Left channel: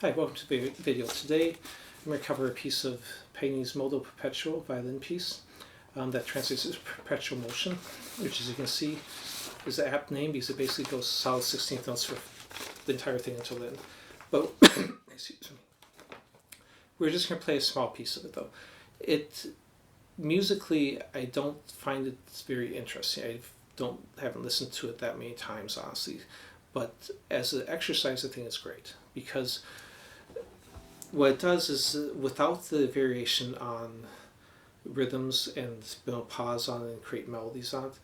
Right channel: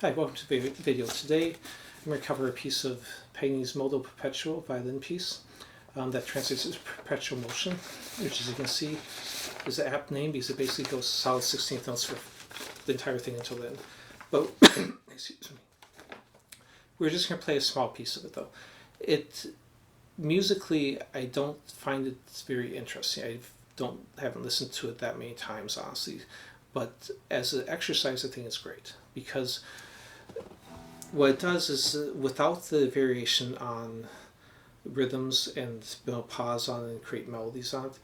Hi, welcome to the video. Today I'm going to cover a piece of Paganini's Moto Perpetuo violin piece that translates as perpetual motion, which as you can see is an apt name because it basically goes solid 16th notes for the entire thing until then. But excuse me. We're just going to play a small piece of it though. Musically, I don't find it very interesting. Haven't listened to it that many times, honestly. But as an exercise, I think it's great because what it does is without the variation on rhythms and pause on and create melodies on it,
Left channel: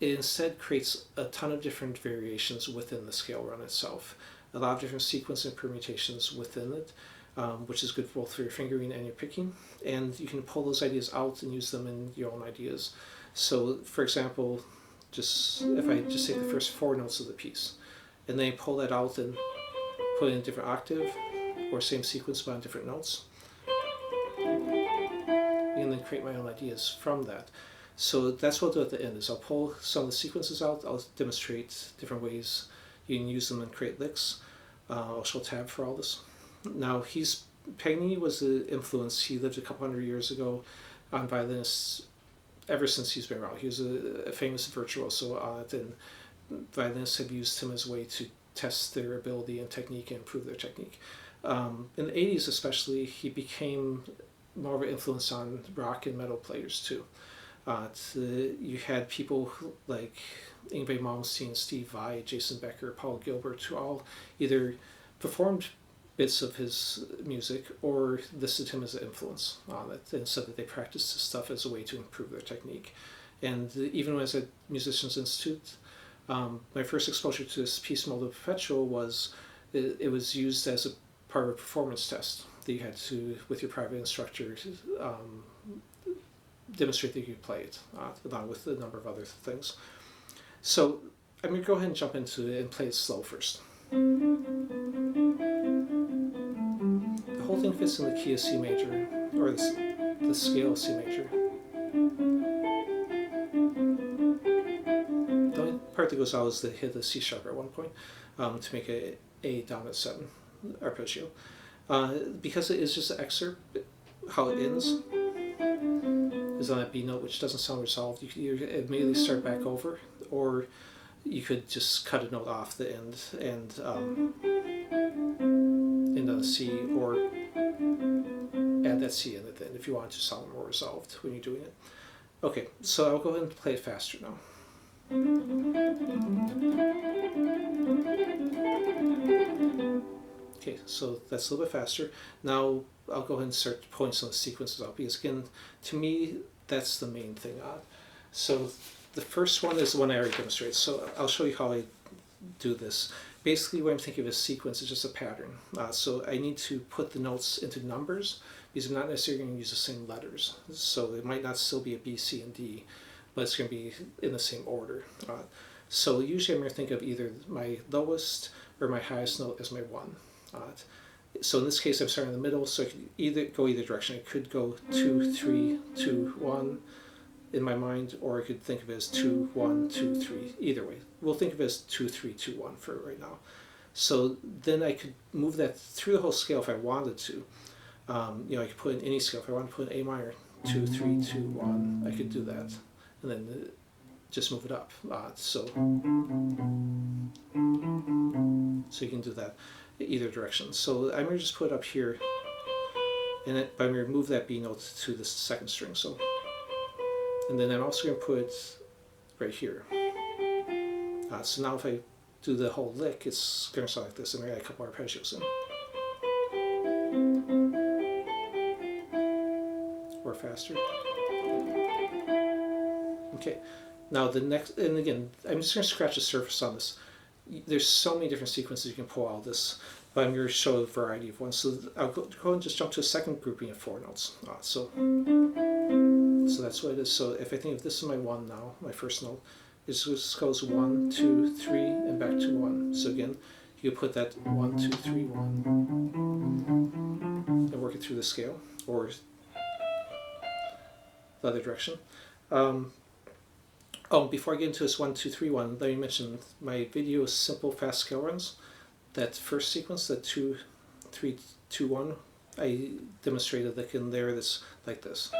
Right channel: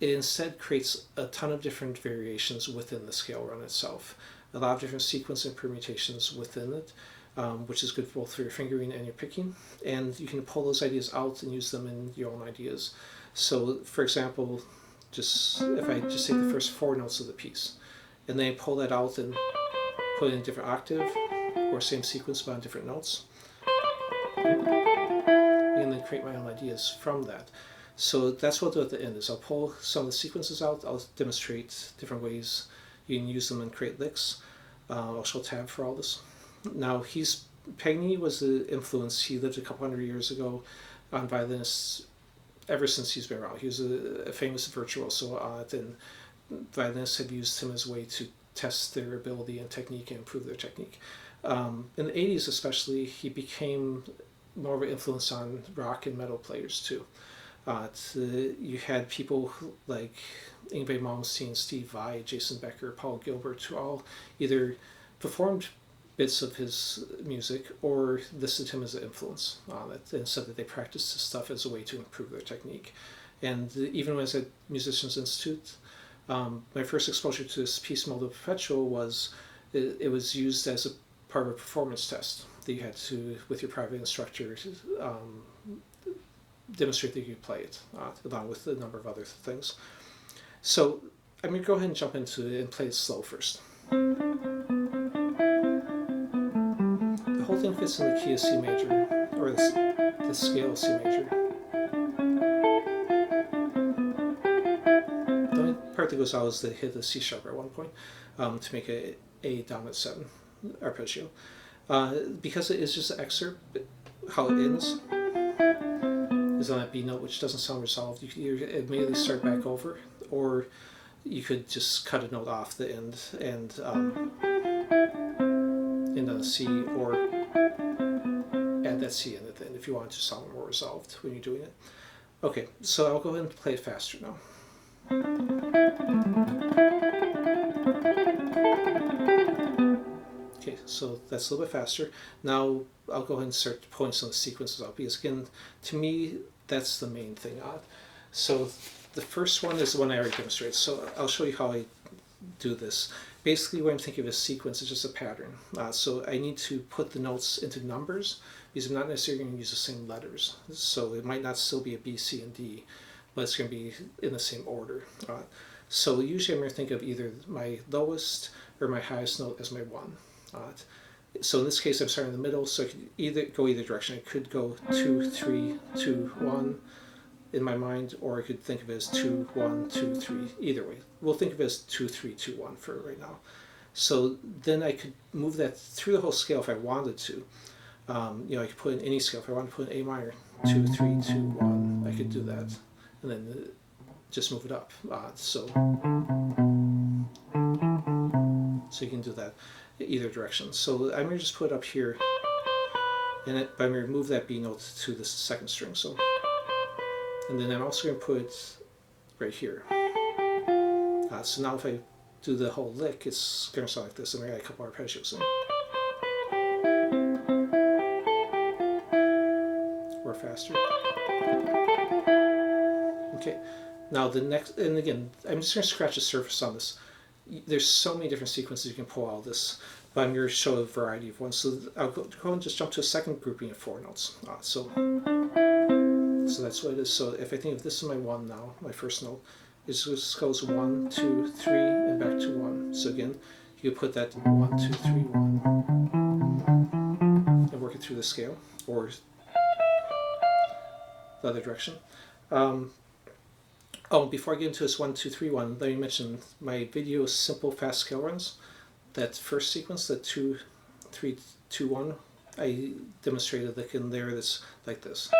it instead creates a ton of different variations within the scale run itself. A lot of different sequence and permutations within it, which is good both for your fingering and your picking. And you can pull those ideas out and use them in your own ideas. So, for example, if I just take the first four notes of the piece, and then I pull that out and put it in a different octave, or same sequence but on different notes, and then create my own ideas from that. So that's what I'll do at the end, is I'll pull some of the sequences out, I'll demonstrate different ways you can use them and create licks. I'll show a tab for all this. Now, Paganini was an influence. He lived a couple hundred years ago on violinists ever since he's been around. He was a famous virtuoso on it, and violinists have used him as a way to test their ability and technique and improve their technique. In the 80s especially, he became more of an influence on rock and metal players too. You had people like Yngwie Malmsteen, Steve Vai, Jason Becker, Paul Gilbert, who all either performed bits of his music or listed him as an influence on it and said that they practiced his stuff as a way to improve their technique. And even when I was at Musicians Institute, my first exposure to this piece, Moto Perpetuo, it was used as a part of a performance test that you had to, with your private instructor, demonstrate that you could play it, along with a number of other things. So I'm going to go ahead and jump into it and play it slow first. The whole thing fits in the key of C major, or the scale of C major. The only part that goes out is to hit the C sharp at one point to make a dominant 7 arpeggio. Because it is just an excerpt, how it ends is on that B note, which doesn't sound resolved. You could either immediately start back over, or you could just cut a note off the end and end on a C, or add that C in at the end if you want to sound more resolved when you're doing it. Okay, so I'll go ahead and play it faster now. Okay, so that's a little bit faster. Now I'll go ahead and start pulling some of the sequences out, because again, to me, that's the main thing on. So the first one is the one I already demonstrated. So I'll show you how I do this. Basically, what I'm thinking of as sequence is just a pattern. So I need to put the notes into numbers, because I'm not necessarily going to use the same letters. So it might not still be a B, C, and D, but it's going to be in the same order. So usually I'm going to think of either my lowest or my highest note as my 1. So in this case, I'm starting in the middle, so I could go either direction. I could go 2, 3, 2, 1 in my mind, or I could think of it as 2, 1, 2, 3. Either way, we'll think of it as 2, 3, 2, 1 for right now. So then I could move that through the whole scale if I wanted to. I could put in any scale. If I wanted to put in A minor, 2, 3, 2, 1, I could do that, and then just move it up. So you can do that either direction. So I'm going to just put it up here, and I'm going to move that B note to the second string. So, and then I'm also going to put it right here. So now if I do the whole lick, it's going to sound like this, and I got a couple arpeggios in. Or faster. Okay, now the next, and again, I'm just going to scratch the surface on this. There's so many different sequences you can pull out of this, but I'm going to show a variety of ones. So I'll go and just jump to a second grouping of 4 notes. So that's what it is. So if I think of this is my 1 now, my first note, it just goes 1, 2, 3, and back to 1. So again, you put that 1, 2, 3, 1, and work it through the scale, or the other direction. Before I get into this 1, 2, 3, 1, let me mention my video is simple fast scale runs. That first sequence, the 2, 3, 2, 1, I demonstrated lick in there that's like this.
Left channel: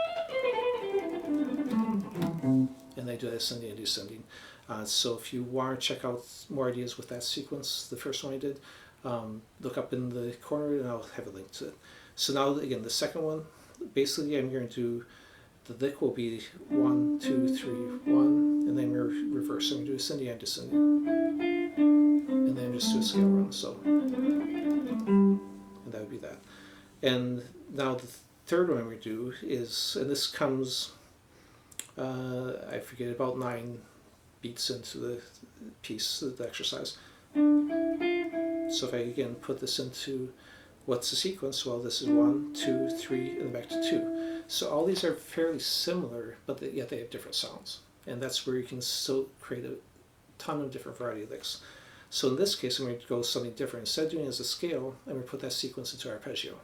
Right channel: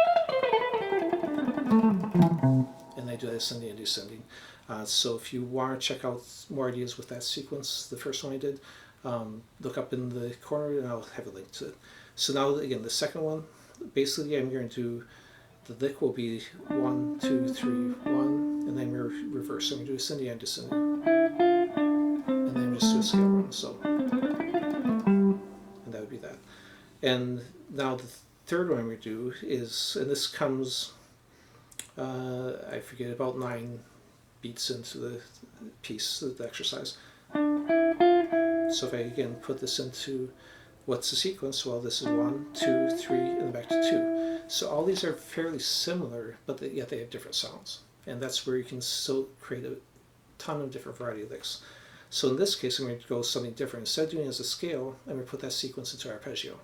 And I do ascending and descending. So if you want to check out more ideas with that sequence, the first one I did, look up in the corner and I'll have a link to it. So now again, the second one, basically I'm going to do, the lick will be 1, 2, 3, 1, and then we're reversing. I'm going to do ascending and descending. And then just do a scale run, so. And that would be that. And now the third one we do is, and this comes, I forget, about 9 beats into the piece, the exercise. So if I again put this into what's the sequence, well, this is 1, 2, 3, and then back to 2. So all these are fairly similar, but yet they have different sounds. And that's where you can still create a ton of different variety of licks. So in this case, I'm going to go something different. Instead of doing it as a scale, I'm going to put that sequence into arpeggio.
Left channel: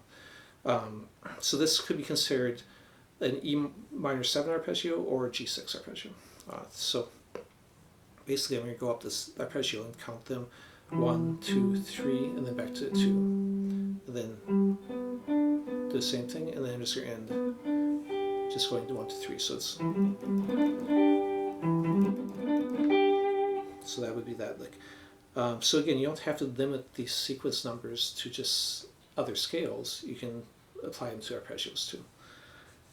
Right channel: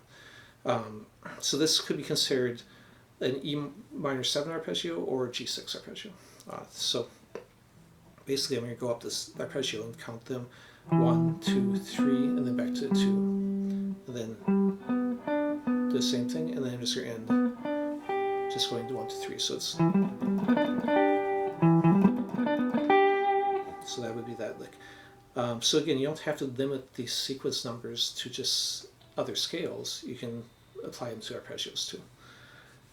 So this could be considered an E minor 7 arpeggio or a G6 arpeggio. So basically I'm going to go up this arpeggio and count them 1, 2, 3, and then back to 2. And then do the same thing, and then I'm just going to end just going to 1 to 3. So it's, so that would be that lick. So again, you don't have to limit these sequence numbers to just other scales. You can apply them to arpeggios too.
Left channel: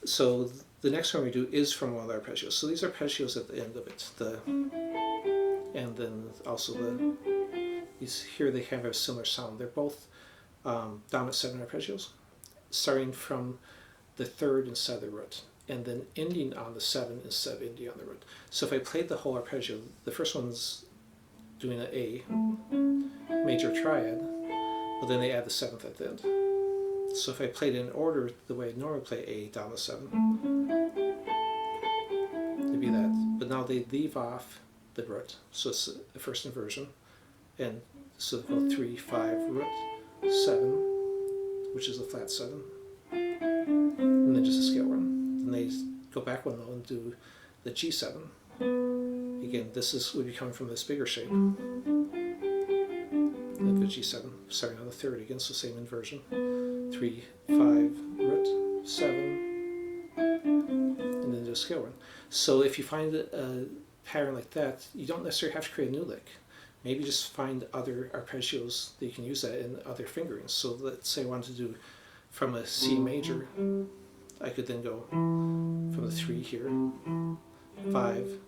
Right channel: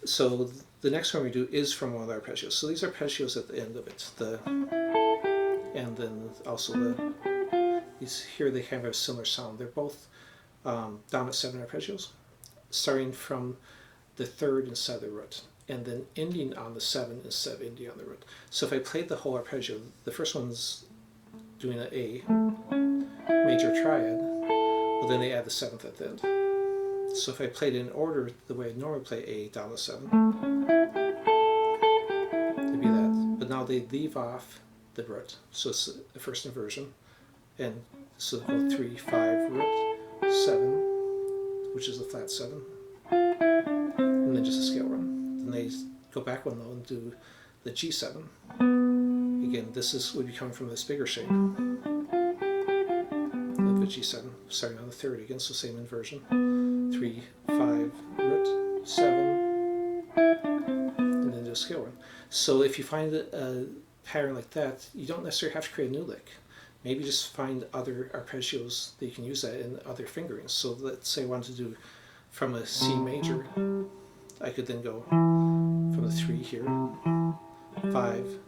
So the next one we do is from one of the arpeggios. So these arpeggios at the end of it, and then also these here, they have a similar sound. They're both dominant 7 arpeggios, starting from the 3rd instead of the root, and then ending on the 7 instead of ending on the root. So if I played the whole arpeggio, the first one's doing an A major triad, but then they add the 7th at the end. So if I played it in order the way I normally play A dominant 7, it'd be that. But now they leave off the root, so it's the first inversion, and so go 3, 5, root, 7, which is the flat 7, and then just a scale run. Then they go back one though and do the G7. Again, this would be coming from this bigger shape, like the G7, starting on the 3rd again, so same inversion. 3, 5, root, 7, and then do a scale run. So if you find a pattern like that, you don't necessarily have to create a new lick. Maybe just find other arpeggios that you can use that in other fingerings. So let's say I wanted to do from a C major, I could then go from the 3 here, 5,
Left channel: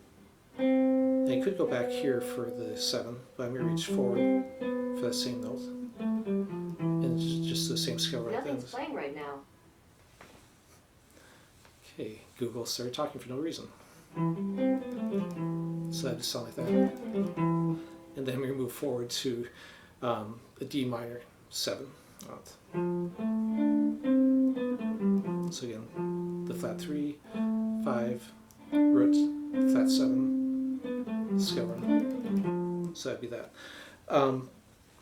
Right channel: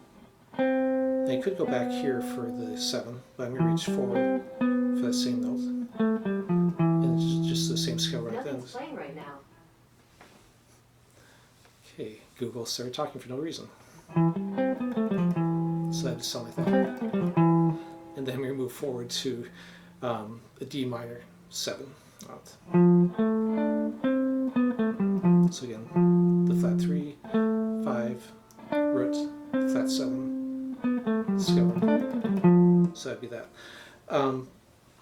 and I could go back here for the 7, but I'm going to reach forward for that same note. And just the same scale right then. Nothing's playing right now. Okay, Google started talking for no reason. So that just sound like that. And then we move forward to a D minor 7. So again, the flat 3, 5, root, flat 7, scale run. So that'd be that.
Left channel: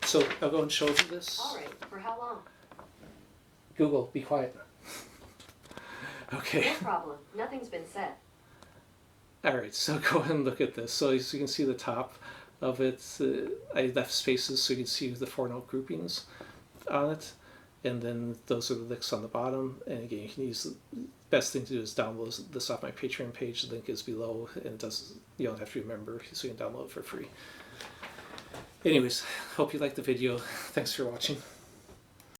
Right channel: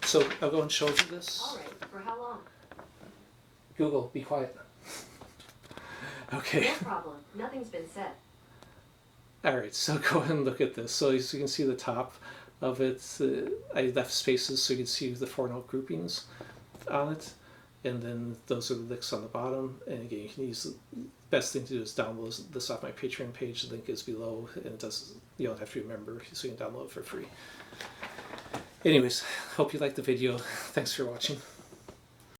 So I'll go and show you this. All right, for how long? Google, be quiet. Okay. No problem. Nothing's been said. Alright, so go ahead and look at this. So as you can see the top of it, I left spaces so you can see the 4-note groupings on it. And then those are the licks on the bottom. And again, you can use, the best thing to do is download this off my Patreon page. The link is below, and it does, you don't have to remember, so you can download it for free. Anyways, hope you liked the video. Thanks for watching.